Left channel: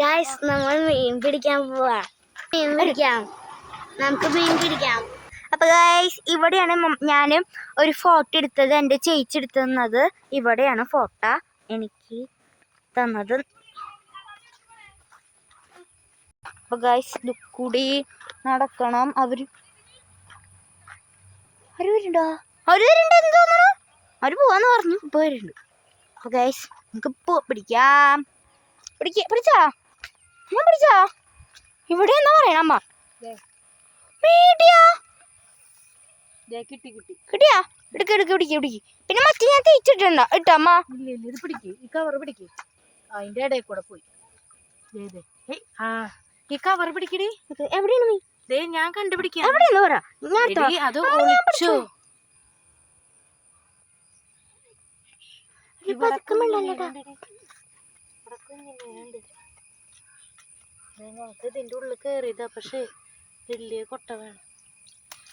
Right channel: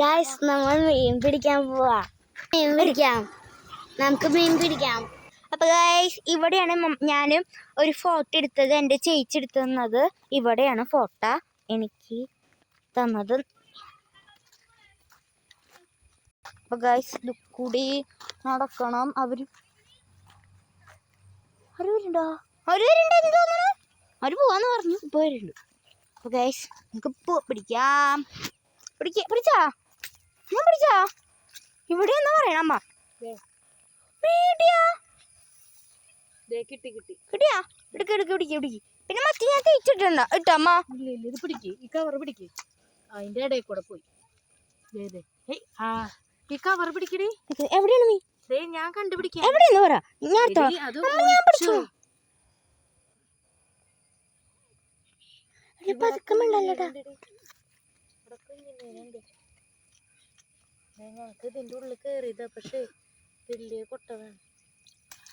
Guys നമ്മൾ മീൻ പിടിക്കാൻ പോവാ. മീൻ പിടിക്കാം. നമുക്ക് മീൻ പിടിക്കാം. അപ്പൊ ഗായ്സ് ഇവിടെയാണ് ഞാൻ ഒരു ഫോട്ടോ എടുത്തത്. എന്റെ ചേച്ചി എടുത്തത് ഇവിടെയാണ് ഫോട്ടോ എനിക്ക് തന്നത്. അപ്പൊ ഗായ്സ് കൂടി നടക്കണം. അവർ അവർ വരുന്നുണ്ടോ? അവർ വരുന്നുണ്ടെന്ന് തോന്നുന്നു. അവർ പോവാന്ന് പറഞ്ഞു. ഇപ്പൊ വരുന്നുണ്ട്. അപ്പൊ ഗൈസ് നമുക്ക് പോ പിടിക്കാം. പിടിക്ക പിടിച്ചാ? ഞാൻ പിടിച്ചാ? ഇവിടെ എന്താ പറയണ അമ്മ? കിട്ടി കിട്ടി. കിട്ടിയാ? ഇടുക്ക് ഇടുക്ക് പിടിക്ക് പിടിക്ക്. പിന്നെ മറ്റേ ഞാൻ തേച്ചിട്ടുണ്ടോ ഇട്ടമ്മ ഇല്ല ഇല്ല ഇത് പിടിക്ക്. ഈ കവർ പിടിക്ക്. അതിന്റെ ഇടയിൽ കൂടെ പോയി. ആ ഈ കവർ പിടിക്കടി. എവിടെയാണ് നീ ദേ ഞാൻ കണ്ടുപിടിക്കാം. എവിടെയാണ് പറ. അത് ഒളിച്ചു. ഇവിടെ പതുക്കെ വെള്ളമല്ലേടാ. കുഞ്ഞിനുണ്ടെടി. ഇവിടെ കുഞ്ഞിനുണ്ട്. ദേ, ഞങ്ങൾക്ക് ഇതിന്റെ ഉള്ളിൽ കേറിയതാ പക്ഷേ വലിയ കൊട്ട വേണം.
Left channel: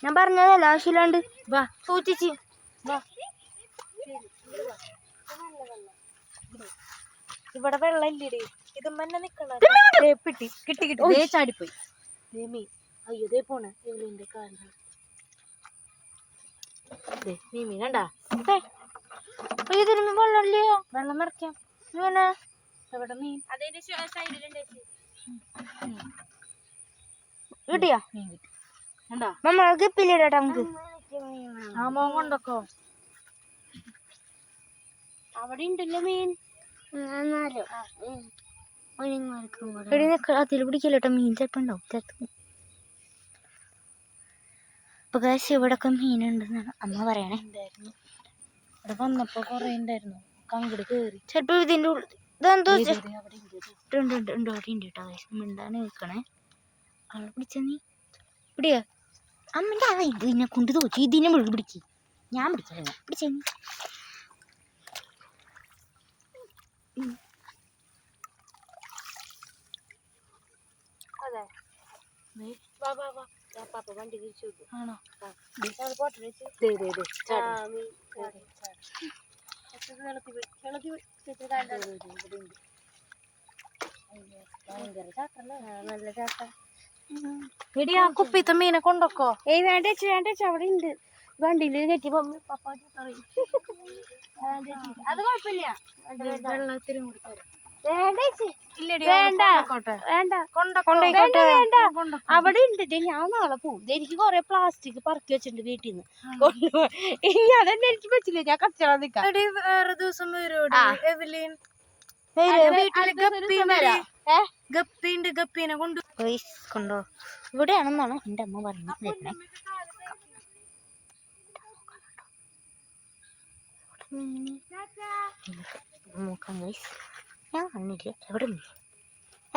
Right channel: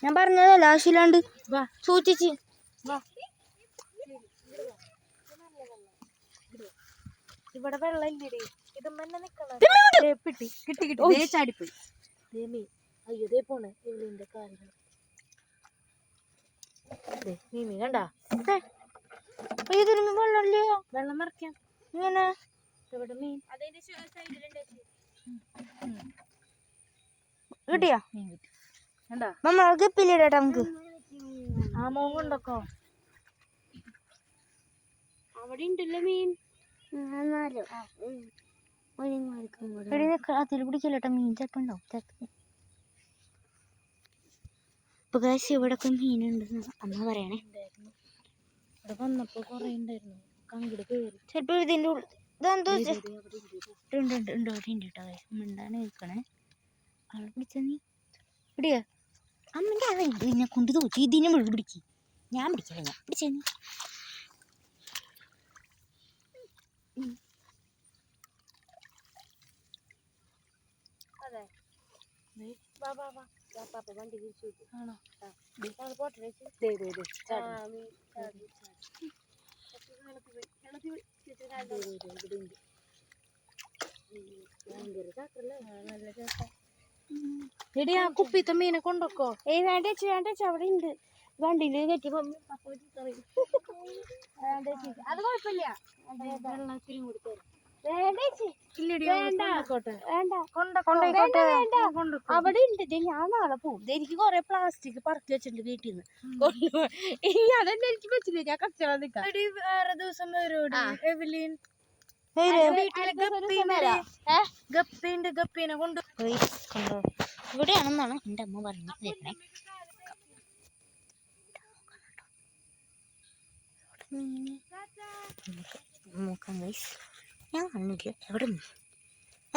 ഞാൻ പറഞ്ഞതല്ല ആവശ്യമില്ലാണ്ട്. വാ. സൂക്ഷിച്ച്. ഇവിടെ വെള്ളം ഇല്ലടി. ഇത് മന്നെ നിക്കണം കിട്ടി കിട്ടി. ദേ ചാടിപ്പോയി. മീൻ. അയ്യോ ദേ പോണ. എല്ലിന്റെ കാലുകൾ നീ മീൻ കണ്ടാ? വെള്ളം നിറയ്ക്കാം. ഇങ്ങനെ. എവിടെ മീൻ? അതിന്റെ സൈഡിലുണ്ട് കിട്ടിയോ? ഗപ്പിലിടട്ടെ നമുക്ക്. മോൻ കൊണ്ടൊക്കോ. അവിടെ ഉണ്ടല്ലോ മീൻ. എടി നിക്ക അതിൽ പിടിക്കില്ലട്ടോ മീൻ? ചിലപ്പോ ഉണ്ടാവും. ചിലപ്പോ. അപ്പൊ കാശ് ഇവിടൊക്കെ മീനുണ്ടെന്നാണ് അമ്മ പറയണേ. ഇവിടെ വന്നപ്പോ കൊറേ ഉണ്ടായിരുന്നു. കങ്കിട് കേറി. ചിലപ്പോ ഇതിന്റെ ഉള്ളിൽ ഇതെന്തോ ഉണ്ട് ഉണ്ട് ഉണ്ട് അവിടെ ഉണ്ട് കേട്ടോ മിണ്ടാണ് നിൽക്കണേ പിടിച്ച നീ? പിടിയ അമ്മന്റെ അവ ഇതിനെ കൊണ്ട് തോച്ചി ഇതിനെ വിളി പിടിച്ച് ഞാൻ പിടിക്കാൻ പിടിച്ച നീ. ആണോ? പോട്ടെ നല്ല ചാട്ട എടി ആ കുപ്പിത്തെ മീനെ കൊണ്ടൊക്കോ? ഏയ് വേണ്ട ചേച്ചി വേണ്ട ചേച്ചി അവിടെ ഉണ്ട്. വണ്ടിയിൽ കെട്ടി പപ്പ അത് കുഴപ്പമില്ല. വെള്ളത്തിലും കൂടി അവിടെ ഉണ്ട് ഞാൻ നാളെ പോകും എനിക്ക് കൊറേ പ്ലാസ്റ്റിക് പറക്കി വെച്ചിട്ടുണ്ട് വീട്ടിൽ നിന്ന് കൊണ്ടുപോകാൻ ഇനി അതെന്നെ എനിക്ക് പറ്റില്ല. ഞാൻ കച്ചവടം നിൽക്കാം വേറെ ദിവസം. എവലിൻ? ഗപ്പിണ്ട് ഗപ്പീനെ കൊണ്ട് കണ്ടോ. ഇവിടെയാണെന്നാണ് എന്റെ അമ്മ പറഞ്ഞത് നോക്കാം ഗൈസ് ഞാൻ കണ്ടില്ല. എവിടെ മീൻ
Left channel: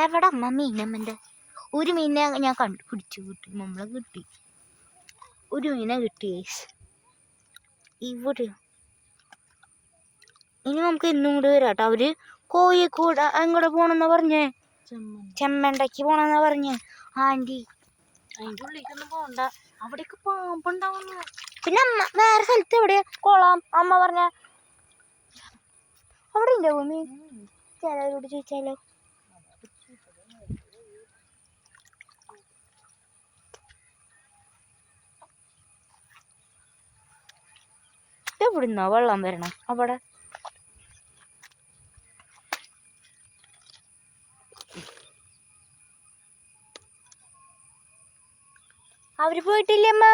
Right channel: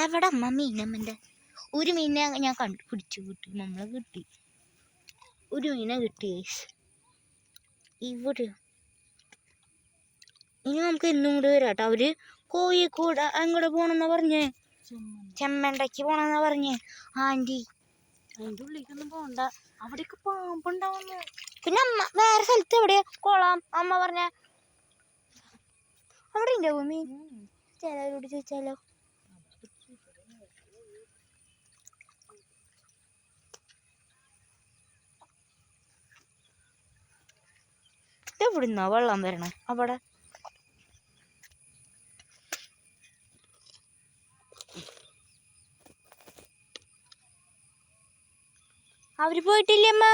എവിടെ അമ്മ മീനമ്മന്റെ ഒരു മീനെ ഞാൻ കണ്ടു പിടിച്ചു കിട്ടി നമ്മളെ കിട്ടി. ഒരു മീനെ കിട്ടി ഗൈസ് ഇവിടെ. ഇനി നമുക്ക് ഇന്നും കൂടി വരാം കേട്ടോ. അവർ കോഴിക്കോട് അങ്ങോട്ട് പോണെന്നാ പറഞ്ഞേ? ചെമ്മണ്ടയ്ക്ക് പോണെന്നാ പറഞ്ഞേ? ആന്റി. അതിന്റെ ഉള്ളിലേക്കൊന്നും പോണ്ട. അവിടേക്ക് പാമ്പുണ്ടാവുന്നു. പിന്നെ അമ്മ വേറെ സ്ഥലത്ത് എവിടെയാ? കൊള്ളാം. അമ്മ പറഞ്ഞ. അവിടെ ഉണ്ടാവും മീൻ ചിലവരോട് ചോദിച്ചാലോ? എവിടുന്നാ വെള്ളം വരണം? അവിടെ. അവർ പോയിട്ടില്ലേ അമ്മ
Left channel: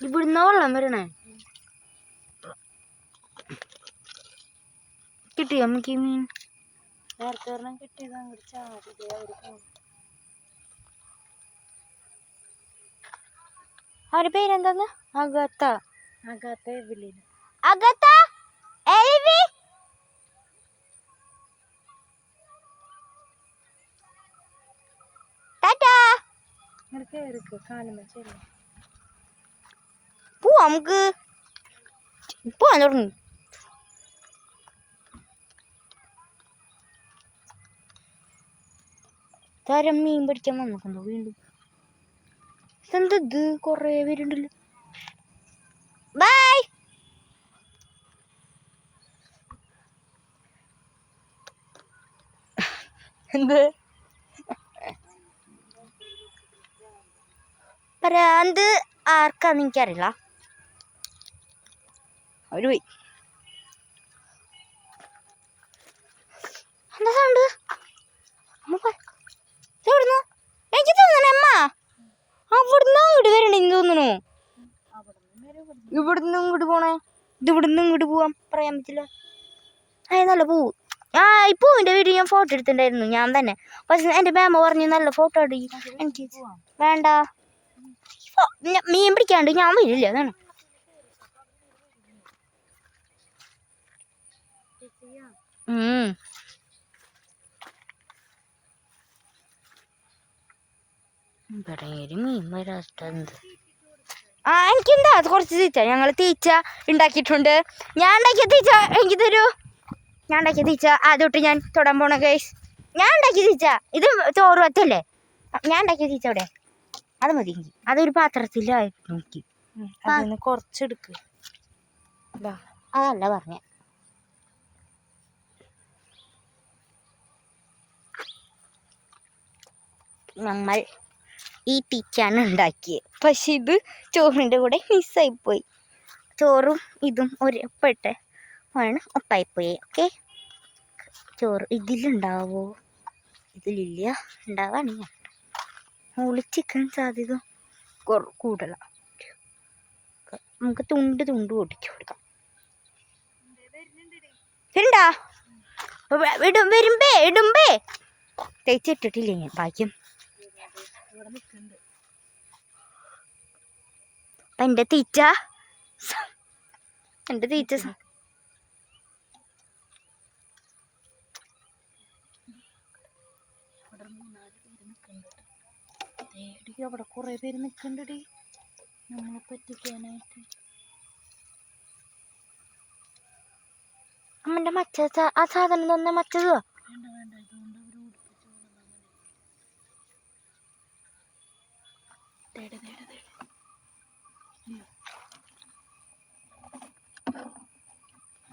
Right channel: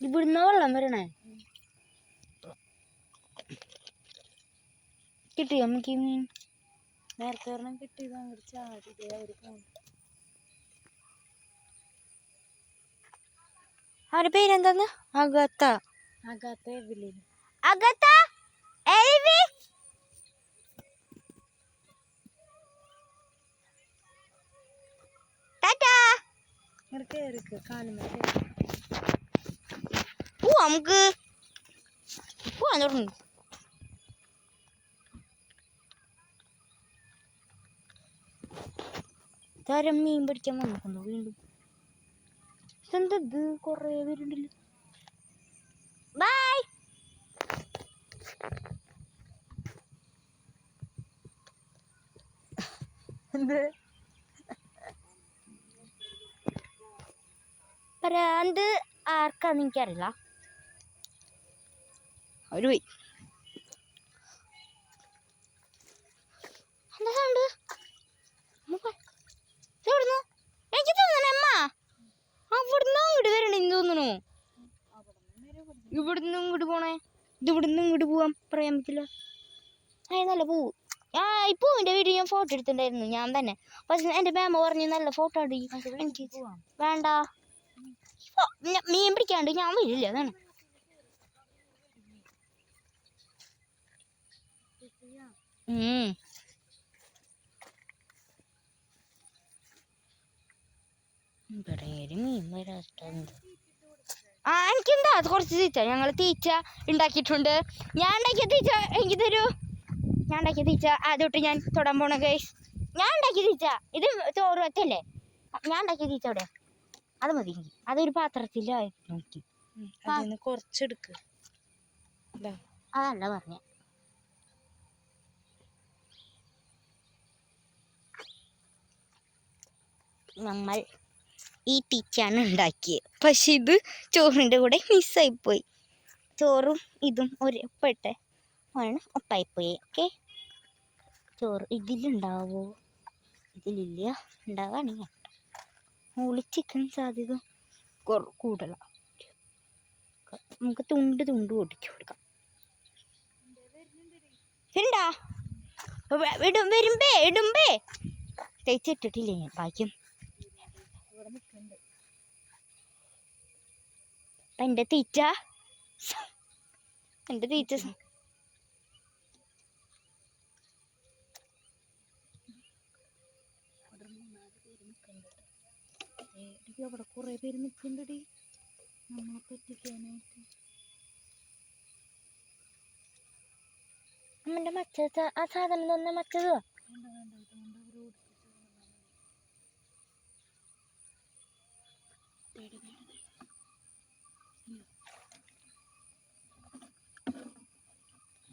ഇവിടുന്ന വെള്ളം വരണേ? കിട്ടി നമുക്ക് ഈ മീൻ? നേരത്തെ ഒരെണ്ണം കിട്ടിയത് അങ്ങോട്ട് ചാടി അവരുടെ പേരെന്താന്ന്? അഗത്ത. Agatha Agatha? ടാറ്റാ. ഇങ്ങനെ കാലം പോവാ നമുക്ക് ഇപ്പോൾ വന്നിട്ടുണ്ട്. താരം മീൻ പിടിക്കാൻ വന്നിട്ടുണ്ടോ വീണ്ടും? ഇതെന്ത് ഇത്? കുറേ പേരുണ്ടല്ലോ. ബൈ എന്ത്? പരാന്ത് ആർക്കാന്ന് എനിക്കറിയില്ല. അവർ പോയി എന്താ സൗണ്ട് എവിടുന്നു എനിക്ക് തോന്നണേ അമ്മ അവിടുന്ന് അങ്ങോട്ട് തോന്നണു ഇവിടുന്ന് ഇങ്ങോട്ട് പോണേ ഇത് ഇവിടുന്ന് ഇങ്ങോട്ട് പോവാൻ പറയാൻ പറ്റില്ല ആ നല്ല പൂവ് ആ ഈ പൂവിന്റെ വീഡിയോ ഞാൻ ഫോട്ടോ എടുത്തിട്ടുണ്ടായിരുന്നു ഞാൻ തന്നെ പക്ഷെ എന്റെ മാമ പറഞ്ഞു നല്ല ഫോട്ടോ എടുക്കും എനിക്ക് വേണ്ട മീൻ പിടിക്കാണ്ട്. ഞാൻ വരില്ല. അതാണ് ഉം. ഇവിടെ ഒരു മീൻ വരാത്തത് ആ എനിക്കെന്താ? അത് കുറച്ച് തീച്ച ഞങ്ങൾ തീച്ച ഉണ്ടാക്കിയിട്ടുണ്ട്. ഞാൻ ഉണ്ടാക്കിയ തീച്ച എനിക്ക് തരൂ. ഞാൻ ഉണ്ടാക്കിയ തീച്ച ആദ്യമായിട്ട് ഞാൻ തൊടാൻ പോണ കേസ് ഞാൻ ഉണ്ടാക്കിയ തീച്ച ഇത് ചോറ് വത്തല്ലേ ഞാൻ ഉണ്ടാക്കിയ തീച്ച അവിടെ. അത് മതി എനിക്ക്. അതൊരു പാത്രത്തിലായിരുന്നു എനിക്ക്. അതിന് കുറച്ചെടുക്ക്. അതല്ല പറഞ്ഞ. നമ്മൾ ഈ ടീച്ചാണ് ഉണ്ടാക്കിയത് പക്ഷെ ഇത് ചോറിന്റെ കൂടെ മിസ്സായിപ്പോയി ചോറും ഇതും ഒരു ഒപ്പിട്ട് ആണ് ഒപ്പായിപ്പോയി. ഓക്കെ? ചോറ് ഇതിലുണ്ടാവോ? ഇതിലില്ല. ഉണ്ടാവാണെങ്കിൽ ഒളിച്ചിക്കാൻ സാധ്യത കൂടുതലാണ് നമുക്ക് തുണ്ട് തുണ്ട് പൊട്ടിച്ചു കൊടുക്കാം. ഉണ്ടാ വിടും വരുമ്പേ ഇടുമ്പേ. തേച്ചിട്ടിട്ടില്ല ഭാഗ്യം അപ്പൊ എന്റെ തീറ്റ. എന്റെ തീറ്റ. അവിടെ കുറെ പേര് നിൽക്കണ്ടടി നമ്മളെ പറ്റിക്കാനായിട്ട്. അമ്മന്റെ മറ്റേ ആ സാധനം തന്നെ മറ്റേതോ വേണ്ട വേണ്ട ഇതുകൊണ്ട് അവർ ഓടിപ്പിച്ചു തേടെ തേടെ തേടെ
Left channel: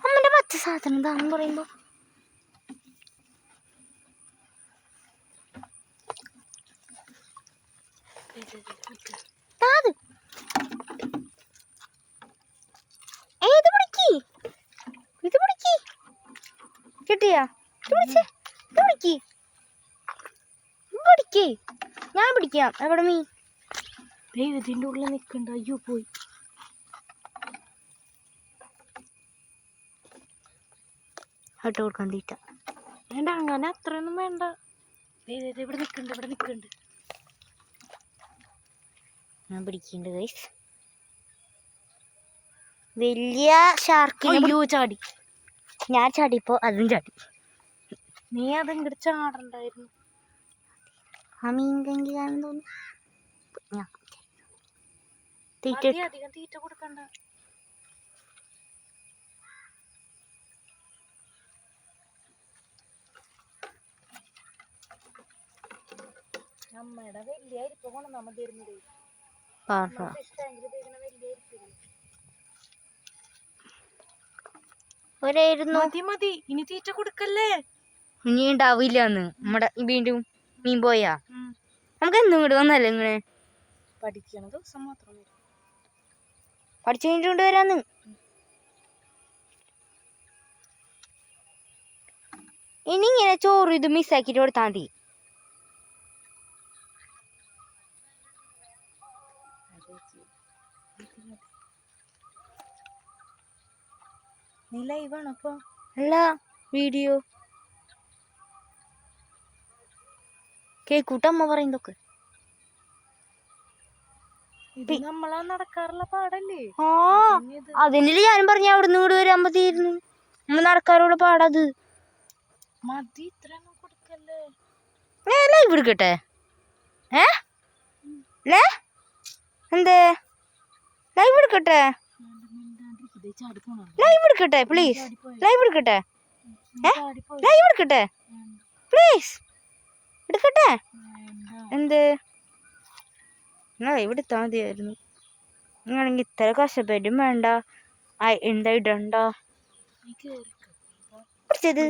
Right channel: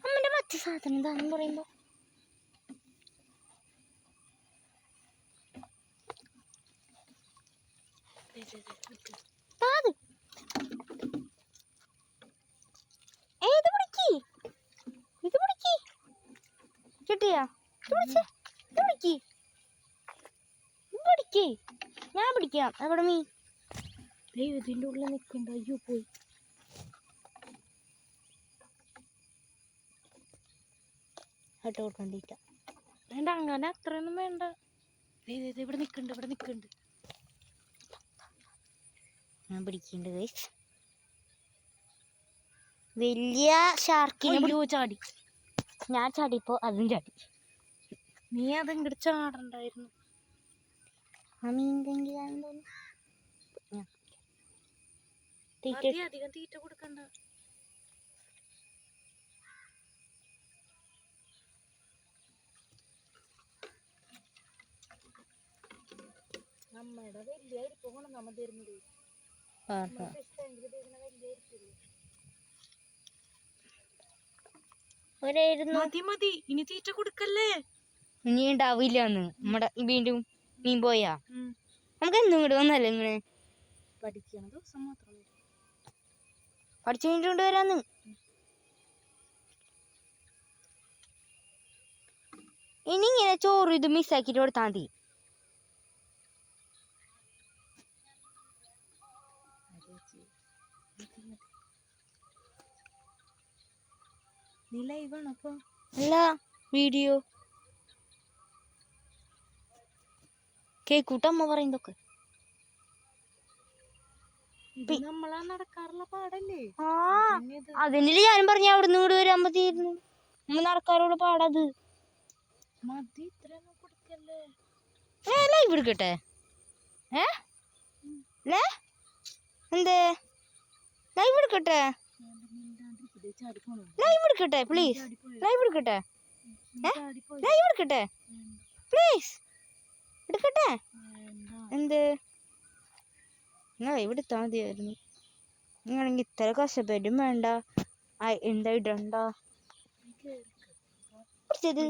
അമ്മന്റെ മറ്റേ സാധനം എന്താണെന്ന് പറയുമ്പോ. ഞാൻ പിടിക്കാം. എവിടെ നീ? ഇതിന്റെ ഉള്ളിൽ നിൽക്കണ്ട. അയ്യോ പോയി. ഹട്ട് കൊടുക്കാൻ തീറ്റ വേണ്ട അങ്ങനെ അത്രയൊന്നും വേണ്ട. ഇവിടെ നിൽക്കുന്നുണ്ട് ഇവിടെ നിൽക്കുന്നുണ്ട്. ഞാൻ പിടിക്കുന്നുണ്ട് ഗൈസ് വലിയ ഷാർക്കിനെ ചാടി. ഞാൻ ചാടിപ്പോ അതും ചാടി. നീ അതിങ്ങോട്ട് ചാടണ്ടായിരുന്നു. ആ മീൻ കങ്കി കാണാൻ തോന്നുന്നു തീറ്റ അധികം തീറ്റ കൊടുക്കണ്ട. വലിയ അരിപ്പ മതി മതി. ഇനി തീറ്റ കൊടുക്കല്ലേ? ഇനി ഉണ്ടാവില്ല നമ്മുടെ വീണ്ടും മീൻ പോയാ? നമുക്ക് എന്നും ഇങ്ങോട്ട് വന്നല്ലേ ഇങ്ങനെ? പഠിക്കണ ദിവസം മാത്രം പഠിച്ചു കഴിഞ്ഞിട്ട് കൊണ്ടുവരാന്ന് ഇനി ഇങ്ങനെ ചോറ് ഇത് മിസ്സാക്കിട്ട് കൊടുത്താൽ മതി. നീ ലൈവാണ് അപ്പൊ. അല്ല. വീഡിയോ. കേക്കൂട്ടമ്മ പറയുന്നതൊക്കെ ഇത് നമ്മളാ നടക്കാറുള്ള പാടല്ലേ? ആ പിന്നെ ഇത് അതിനിൽ ഞാനും പറഞ്ഞ അവിടെ നിന്ന് വരാൻ മതിയായിരുന്നു. നമ്മൾ നടക്കാറുള്ള പാടത് മതി ഇത്രയൊന്നും കൊടുക്കല്ലേ? ഏ ലൈവ് എടുക്കട്ടെ ഏ? ലേ എന്തേ? ലൈവ് എടുക്കട്ടെ ലൈവ് എടുക്കട്ടെ പ്ലീസ് ലൈവ് എടുക്കട്ടെ. ലൈവ് എടുക്കട്ടെ. പ്ലീസ് എടുക്കട്ടെ. എന്ത്? ലൈവ് എടുത്താൽ മതിയായിരുന്നു. നിങ്ങളെങ്കിൽ ഇത്ര കഷ്ടപ്പെട്ടും വേണ്ട. എന്താ ഇടണ്ട? പിടിച്ചത്.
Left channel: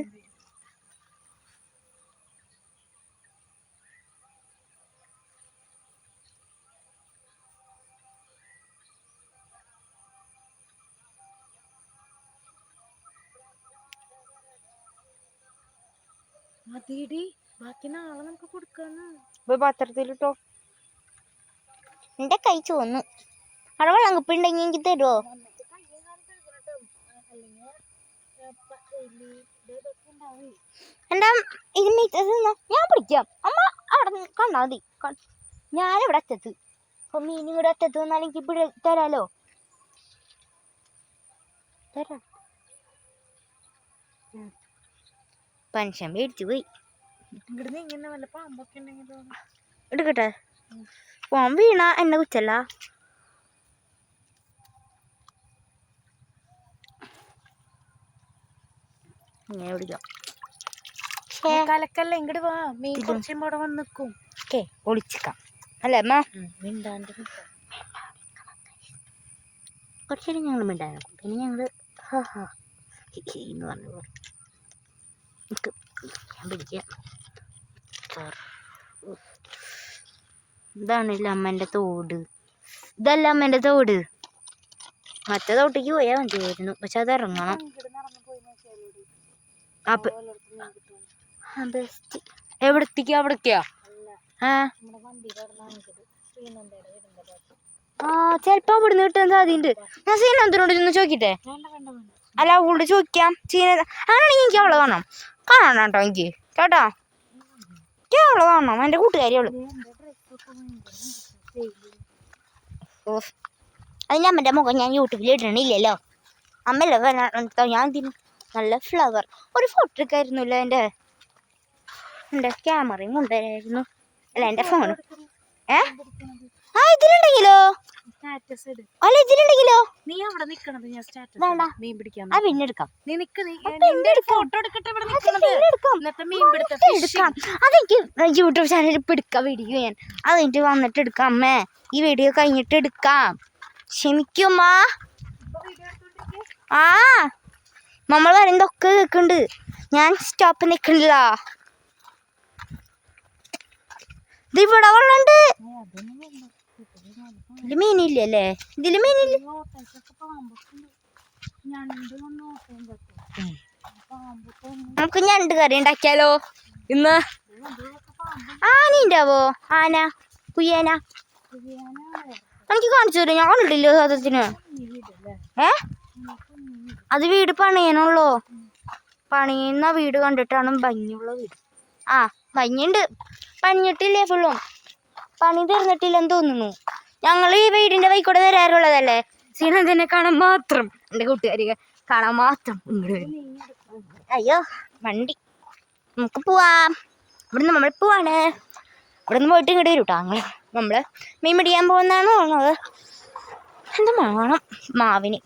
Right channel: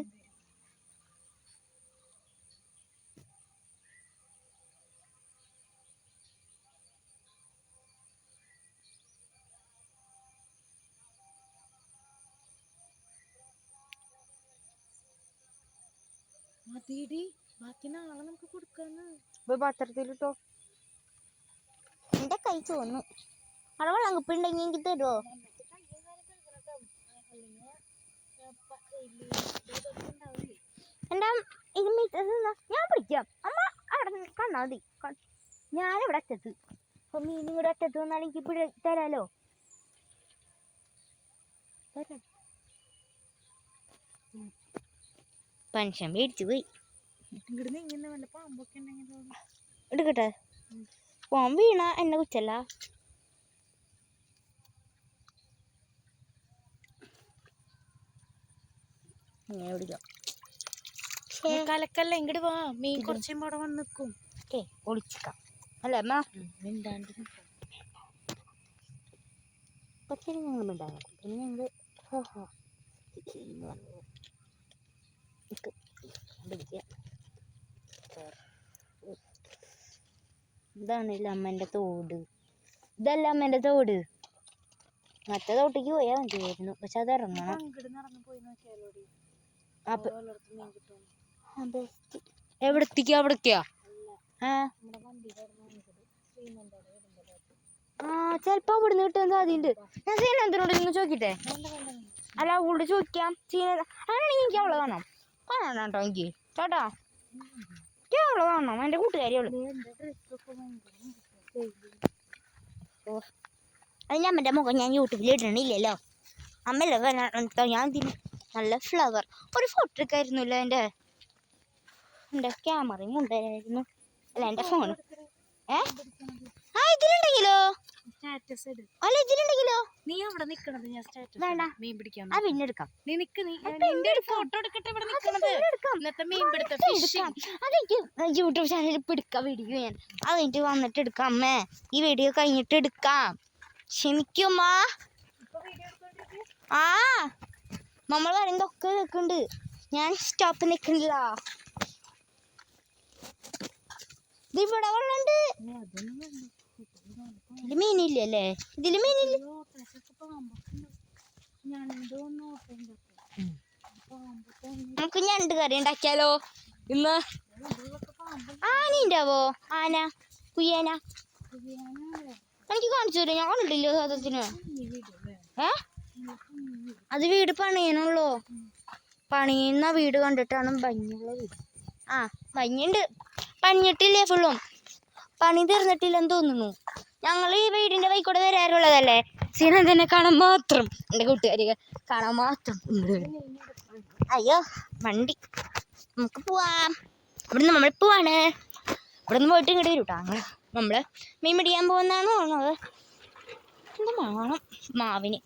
മതിയടി. ബാക്കി നാളെ നമുക്ക് കൊടുക്കാന്ന്. ഇപ്പൊ പാത്രത്തിലിട്ടോ. എന്റെ കൈ ചുവന്നു. അവിടെ വെള്ളം കുപ്പിണ്ടെങ്കിൽ എനിക്ക് തരുമോ എന്താ ഇത് ഞാൻ പിടിക്കാം. അമ്മ അവിടെ കണ്ടാ മതി. ഞാനിവിടെ അറ്റത്ത്. അപ്പൊ മീനും ഇവിടെ അറ്റത്ത് വന്നാൽ എനിക്ക് തരാലോ. തരാം. പൻഷൻ മേടിച്ചു പോയി. ഇങ്ങോട്ട് ഇങ്ങനെ വല്ല പാമ്പൊക്കെ ഉണ്ടെങ്കിലോ എടുക്കട്ടെ. പോൻ വീണ എന്നെ കുറ്റല്ല. ഇങ്ങനെ പിടിക്കാം കലക്കല്ല ഇങ്ങോട്ട് വാ. മീൻ കുറച്ച് കഴിയുമ്പോ അവിടെ വന്ന് നിൽക്കും ഓക്കെ ഒളിച്ചിക്കാം. അല്ലേ അമ്മ? മിണ്ടാണ്ട് കുറച്ച് നേരം ഞങ്ങൾ മിണ്ടാൻ പിന്നെ ഞങ്ങൾ ഹാ ഹാ ഹി ഹി എന്ന് പറഞ്ഞു പോകും നിക്ക്. ഞാൻ പിടിക്കാം ഇതാണല്ലേ അമ്മേന്റെ തോട്. ഇതല്ല അമ്മേന്റെ തോട്. മറ്റേ തോട്ടേക്ക് പോയാൽ മതിയായിരുന്നു. പക്ഷെ അത് ഇറങ്ങണം. അപ്പൊ എവിടത്തേക്കാ? അവിടേക്കാ ആ. ആ ചിലപ്പോ അവിടുന്ന് കിട്ടാൻ സാധ്യതയുണ്ട്. ഞാൻ സീനന്തിനോട് ഇരുന്ന് ചോദിക്കട്ടെ? അല്ല അവളോട് ചോദിക്കാം. സീന അങ്ങനെയാണെങ്കിൽ എനിക്ക് അവളെ കാണാം. കാണണം കേട്ടോ എനിക്ക്. ചേട്ടാ എനിക്ക് കാണണം എന്റെ കൂട്ടുകാരി അവൾ നീ എന്റെ ഡ്രസ്സൊക്കെ ഭയങ്കര ഓ അതിന് അമ്മന്റെ മുഖം ഞാൻ യൂട്യൂബിൽ ഇടണില്ലല്ലോ. അമ്മല്ലേ ഞാൻ നല്ല ഫ്ലവർ ഒരു ഫോട്ടോ എടുക്കായിരുന്നല്ലോ എന്റെ. എന്റെ ക്യാമറയും കൊണ്ടുവരായിരുന്നു. അല്ല എന്റെ ഫോണും ഏ? ആ ഇതിലുണ്ടെങ്കിലോ? സ്റ്റാറ്റസ് ഇട്. അല്ല ഇതിലുണ്ടെങ്കിലോ നീ അവിടെ നിക്കണത് ഞാൻ സ്റ്റാറ്റസ് വേണ്ട. മീൻ പിടിക്കാൻ ആ പിന്നെ എടുക്കാം. നീ നിക്ക് നീ നിന്റെ ഫോട്ടോ എടുക്കട്ടെ ഇവിടെ നിക്കണത്? എടുക്കാം. ഇന്നത്തെ മീൻ പിടുത്ത എടുക്കാം. അതെനിക്ക് യൂട്യൂബ് ചാനലിൽ ഇപ്പം എടുക്കാം വീഡിയോ ഞാൻ. അത് കഴിഞ്ഞിട്ട് വന്നിട്ട് എടുക്കാം അമ്മേ. ഈ വീഡിയോ കഴിഞ്ഞിട്ട് എടുക്കാം. ക്ഷമിക്കുമ്മാ ആ നമ്മൾ പറയുന്നതൊക്കെ കേൾക്കുന്നുണ്ട് ഞാൻ സ്റ്റോപ്പ് നിൽക്കണില്ല ഇത് ഇവിടെ വെള്ളമുണ്ട് ഇതിൽ മീനില്ലല്ലേ ഇതിൽ മീനില്ല നമുക്ക് ഞണ്ട് കറി ഉണ്ടാക്കിയാലോ? ഇന്ന് പാമ്പ് ആന കുയ്യാന. എനിക്ക് കാണിച്ചു തരും ഞാൻ ഉണ്ടല്ലോ സാധനത്തിന് ഏ? അത് വീട് പണിയനുള്ളോ പണിയുന്ന വീട് കണ്ടിട്ടാണ് ഭംഗിയുള്ള വീട്. ആ ഭംഗിയുണ്ട്. പണിഞ്ഞിട്ടില്ലേ ഫുള്ളും? പണി തീർന്നിട്ടില്ലെന്ന് തോന്നുന്നു. ഞങ്ങൾ ഈ വീടിന്റെ വൈക്കൂടെ വരാറുള്ളതല്ലേ? സീനന്ദനെ കാണാൻ മാത്രം. എന്റെ കൂട്ടുകാരികൾ കാണാൻ മാത്രം അയ്യോ വണ്ടി. നമുക്ക് പോവാം. ഇവിടുന്ന് നമ്മൾ പോവാണ്. ഇവിടുന്ന് പോയിട്ട് ഇങ്ങോട്ട് വരും കേട്ടോ ഞങ്ങൾ നമ്മൾ മീൻ പിടിക്കാൻ പോകുന്നതാണ് തോന്നുന്നത്. എന്ത് വേണം മാവിന്.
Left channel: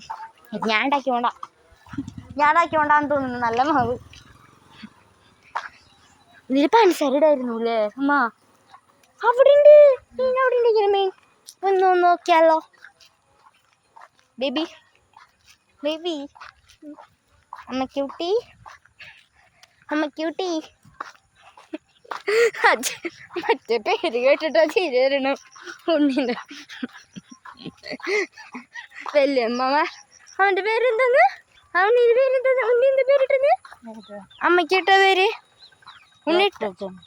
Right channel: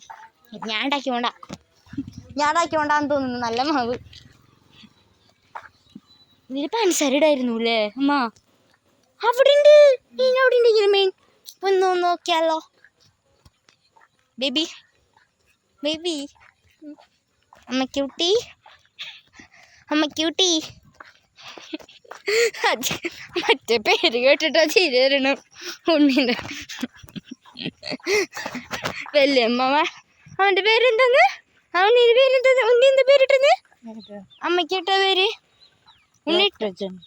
ഞാൻ ഉണ്ടാക്കിക്കോണ്ട ഞാൻ ഉണ്ടാക്കിയോണ്ടാന്ന് തോന്നുന്നു. നല്ല മാവ്. ഇതിൽ പഞ്ചസാര ഇടായിരുന്നു അല്ലേ അമ്മ അവിടെ ഉണ്ട് മീനവിടെ ഉണ്ട് ഇങ്ങനെ മീൻ? ഒന്ന് നോക്കിയാലോ ബേബി ബേബി അമ്മ ക്യൂട്ടി അമ്മ ക്യൂട്ടി അത് മറ്റേ പേര് കേട്ടിട്ടോ? ചിരി വരണം. ഉണ്ണിന്റെ വല്യമ്മ. അവന്റെ പേരെന്താന്ന്? അവന്റെ പേരെന്താന്ന്? ഉണ്ണി എന്താ പേരിട്ടത്? അമ്മയ്ക്ക് ഇട്ട പേര് ഉണ്ണിട്ട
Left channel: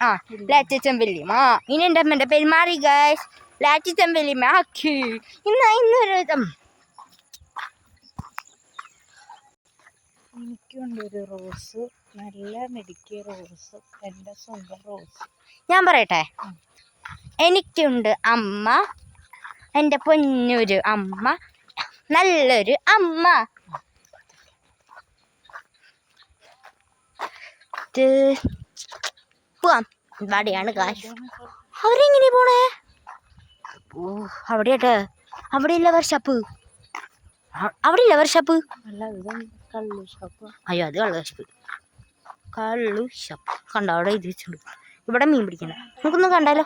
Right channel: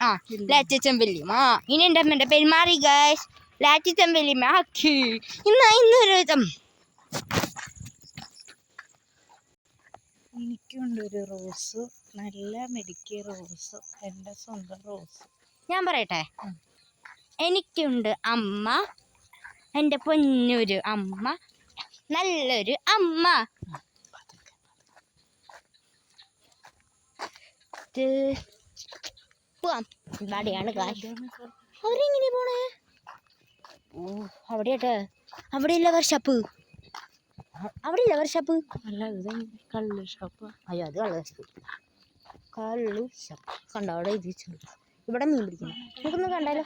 ആ ലാറ്റച്ചൻ വല്യമ്മ. ഇനി എന്റെ അമ്മേന്റെ പേര് മാറി ഗൈസ് ലാറ്റിച്ചൻ വല്യമ്മ മാക്കി ഇന്ന് ഇന്നൊരു വിധം എനിക്കുണ്ട് ഒരു റോസ് നല്ല മെഡിക്കിയ റോസ് എന്റെ സ്വന്തം റോസ്. ഞാൻ പറയട്ടെ? എനിക്കുണ്ട് അമ്മ എന്റെ പൊന്നൊരു അമ്മ നല്ലൊരു അമ്മ. പോവാം. ഇവിടെയാണ് കാശ് അവരെങ്ങനെ പോണേ? ഓ അവിടെയാട്ടെ. അവിടെയല്ല വർഷാപ്പ് അവിടെയില്ല വർഷാപ്പ് അയ്യോ അത് കള്ളു ഷാപ്പ്. കള്ളു ഷാപ്പ്. കണ്ടോ അവിടെ ഇത് വെച്ചിട്ടുണ്ട് ഇവിടെ മീൻ പിടിക്കണ്ട. നമുക്കൊന്ന് കണ്ടാലോ?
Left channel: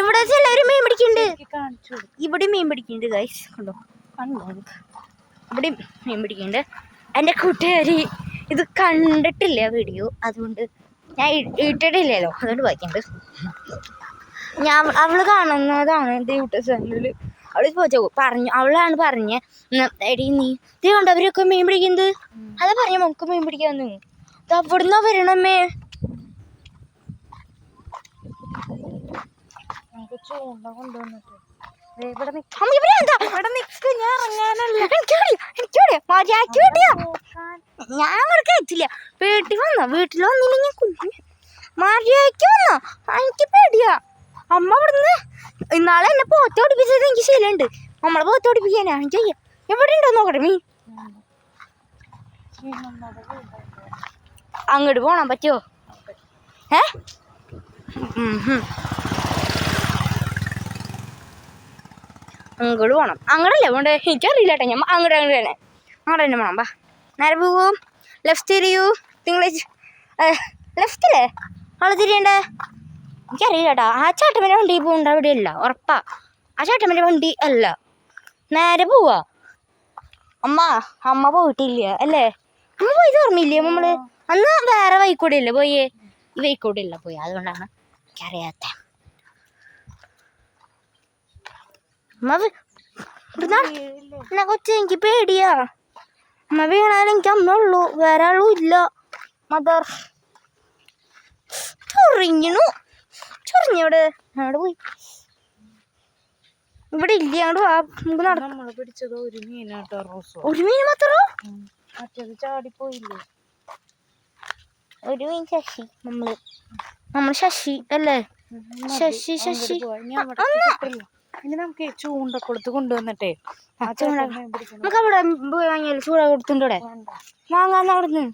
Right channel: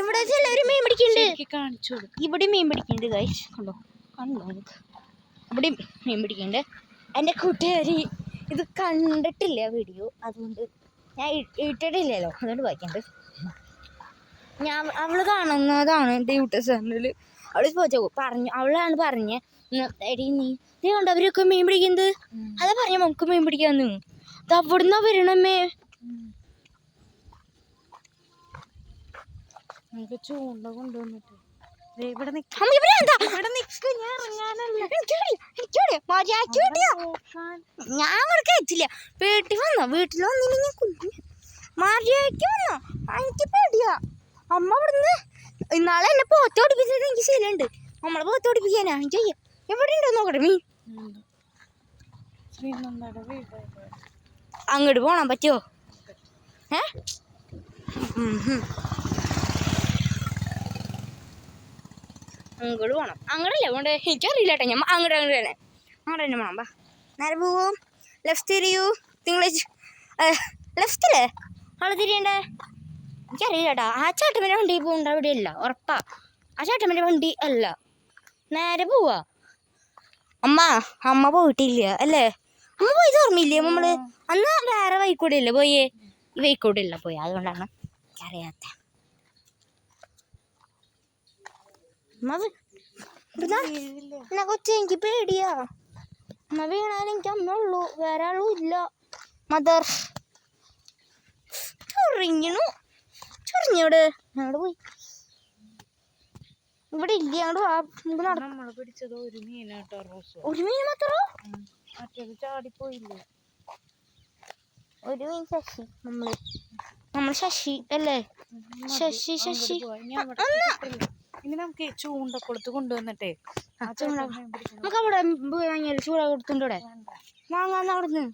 ഇവിടെ എല്ലാവരും മീൻ പിടിക്കുന്നുണ്ട് ഇവിടെ മീൻ പിടിക്കുന്നുണ്ട് ഗൈസ് കണ്ടോ? കണ്ടോ? ഇവിടെ മീൻ പിടിക്കുന്നുണ്ട് എന്റെ കൂട്ടുകാരി ഇത് കണ്ടിട്ടില്ല വീഡിയോ. അതുകൊണ്ട് ഞാൻ ഇട്ടിട്ടില്ലല്ലോ. അതുകൊണ്ട് വായിക്കുന്നുണ്ട് ഞാൻ അവൾ കാണുന്നതാണ് യൂട്യൂബ് ചാനലിൽ അവൾ ചോദിച്ചു പറഞ്ഞു അവളാണ് പറഞ്ഞ എടി നീ ഇത് കണ്ടവരൊക്കെ മീൻ പിടിക്കുന്നത്? അതാ പറഞ്ഞ നമുക്ക് മീൻ പിടിക്കാന്ന്. ഇത് അവിടുന്ന് വരണമേ. നമുക്ക് ചൂണ്ട കൊണ്ടുവന്നിട്ട്. ദേ ഇവിടെ നിക്ക. അമ്മ ഇവിടെ എന്താ ഞാൻ ഇറങ്ങാനല്ല. മര്യാദയ്ക്ക് കിട്ടിയാ? ഞാൻ ഇവിടെ കയറ്റില്ല വീട്ടിൽ വന്നോ? വീട്ടിൽ വന്നില്ലെങ്കിൽ കുഞ്ഞു. മര്യാദയ്ക്ക് വന്നോ? എനിക്ക് പേടിയാ. അമ്മ ഇവിടുന്ന് ഇന്നാളെ എന്നെ പോത്തോടിപ്പിച്ചത് എനിക്ക് ശീലമുണ്ട്. നമ്മളെ പോത്തോടിപ്പിക്കാനാ എനിക്ക് വയ്യ. എവിടെ ഉണ്ടോ നോക്കട്ടെ നീ? അങ്ങോട്ട് പോണം പറ്റുമോ ഏ. അങ്ങോട്ട് പോണം. അങ്ങോട്ടല്ലേ പോണ്ടേ? എനിക്കറിയില്ല കേട്ടോ ഞാൻ അങ്ങോട്ട് അങ്ങോട്ട് വേണേ അങ്ങോട്ട് തന്നെ പോണം ബാ നേരെ പോവും ലെഫ്റ്റ് തിരിയൂ. തിങ്കളാഴ്ച ലെഫ്റ്റില്ലേ അവൾ തിരിയണ്ടേ? എനിക്കറിയില്ല കേട്ടോ ആ ചേട്ടമ്മന്റെ വണ്ടി പോകണ്ട അവിടെ അല്ല ഉറപ്പാ. ആ ചേട്ടമ്മന്റെ വണ്ടി അല്ല. നേരെ പോവാ. അമ്മ അമ്മ പോയിട്ടില്ല അല്ലേ? അമ്മ പോയി ഓർമ്മയില്ലേ നമ്മൾ? അന്ന് വേറെ വൈക്കൂടെ ഇല്ല പോയേ? ഈ വൈക്കൂടെ ഇല്ല പോയി അതുകൊണ്ടാണ് എനിക്കറിയാത്ത? എന്നാ എനിക്ക് പേടിയാ. അമ്മ വീണാലും എനിക്ക് അമ്മ ഉള്ളൂ വേറെ ആളും ഇല്ല. മദർ ചൊറിഞ്ഞു ചൊറിഞ്ഞോട് അങ്ങോട്ട് പോയി. ഇവിടെ ഇല്ല അങ്ങോട്ട് നമുക്ക് നട പിടിച്ചത് ഒരു മീനാട്ടോ റോസോ. ഒരു മീൻ മാത്രോ? മറ്റേത് ചാടിപ്പോയില്ലേ? ഒരു മീൻ ശശി. നമ്മൾ നമ്മൾ ശശി അല്ലേ? ശശി ശശി. ഇനി നമുക്ക് ചൂണ്ട കൊടുത്ത് കൊണ്ടുവന്നിട്ടേ ആ. നമുക്ക് അവിടെ വാങ്ങിയാൽ ചൂട കൊടുത്തുണ്ട് ഇവിടെ. വേണ്ട. വാങ്ങാന്ന് അവിടുന്ന്.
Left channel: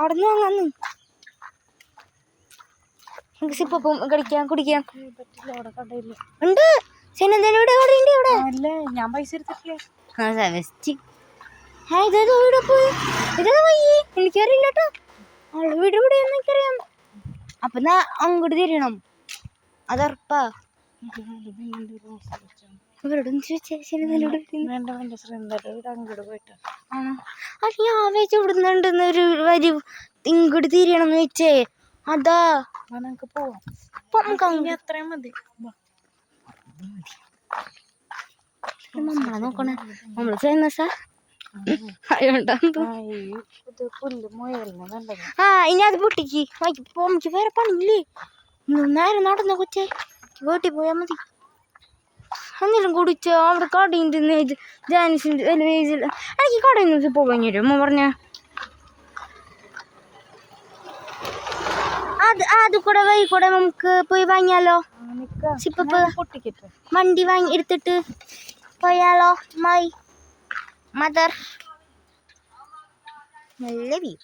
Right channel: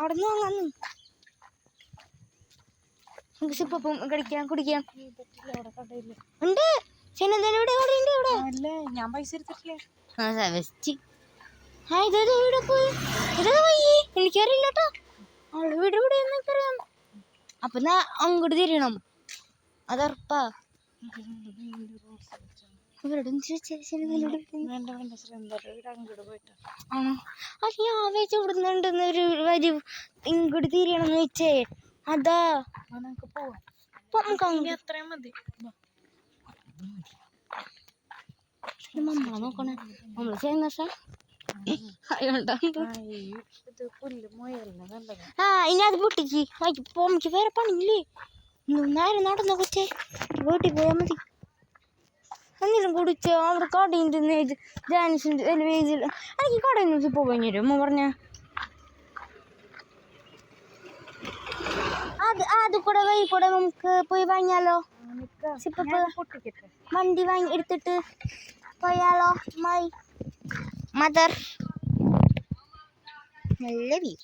അവിടുന്ന് വാങ്ങാന്ന്. നമുക്ക് സിപ്പം കടിക്കാം. കുടിക്കാം ഉണ്ട്. ഇവിടെ ഇവിടെ? അല്ലേ ഞാൻ പൈസ എടുത്തിട്ടില്ലേ. ആ പോയി. ഇതേതാ പോയി. എനിക്കറിയില്ല കേട്ടോ. അവളെ വീട് ഇവിടെ എനിക്കറിയാം. അപ്പൊ എന്നാ അങ്ങോട്ട് തിരിയണം. അതുറപ്പാ ചോദിച്ചാൽ ഞാൻ വെച്ച് വരി ഇങ്ങോട്ട് തിരിയണം എന്ന് വെച്ചേ. അതാ. നമുക്ക് പോവാം. അപ്പൊ നമുക്ക് അത്രയും മതി. നമ്മളെ നോക്കണേ. നമ്മൾ ഫേമസാ അതുകൊണ്ടാണ് ആ, ഇനി അത് പൊട്ടിക്ക്. വായിക്ക് പോ നമുക്ക് വേറെ പണിയില്ലേ? നേരെ നടന്ന കൊച്ചേ വീട്ടിൽ പോയാൽ മതി. എന്തെങ്കിലും കുടിച്ചോ? അവിടെ കടയും തിന്ന് ജാനിസിന്റെ എനിക്ക് കടയിൽ നിന്ന് പോകാൻ തരും അമ്മ പറഞ്ഞ. അത് അത് കൂടെ വഴി കൂടെ നമുക്ക് പോയി വാങ്ങിയാലോ? സിപ്പപ്പ്. വണ്ടി വാങ്ങി എടുത്തിട്ട് പോയാലോ മൈ മദർ? നല്ല വ്യൂ.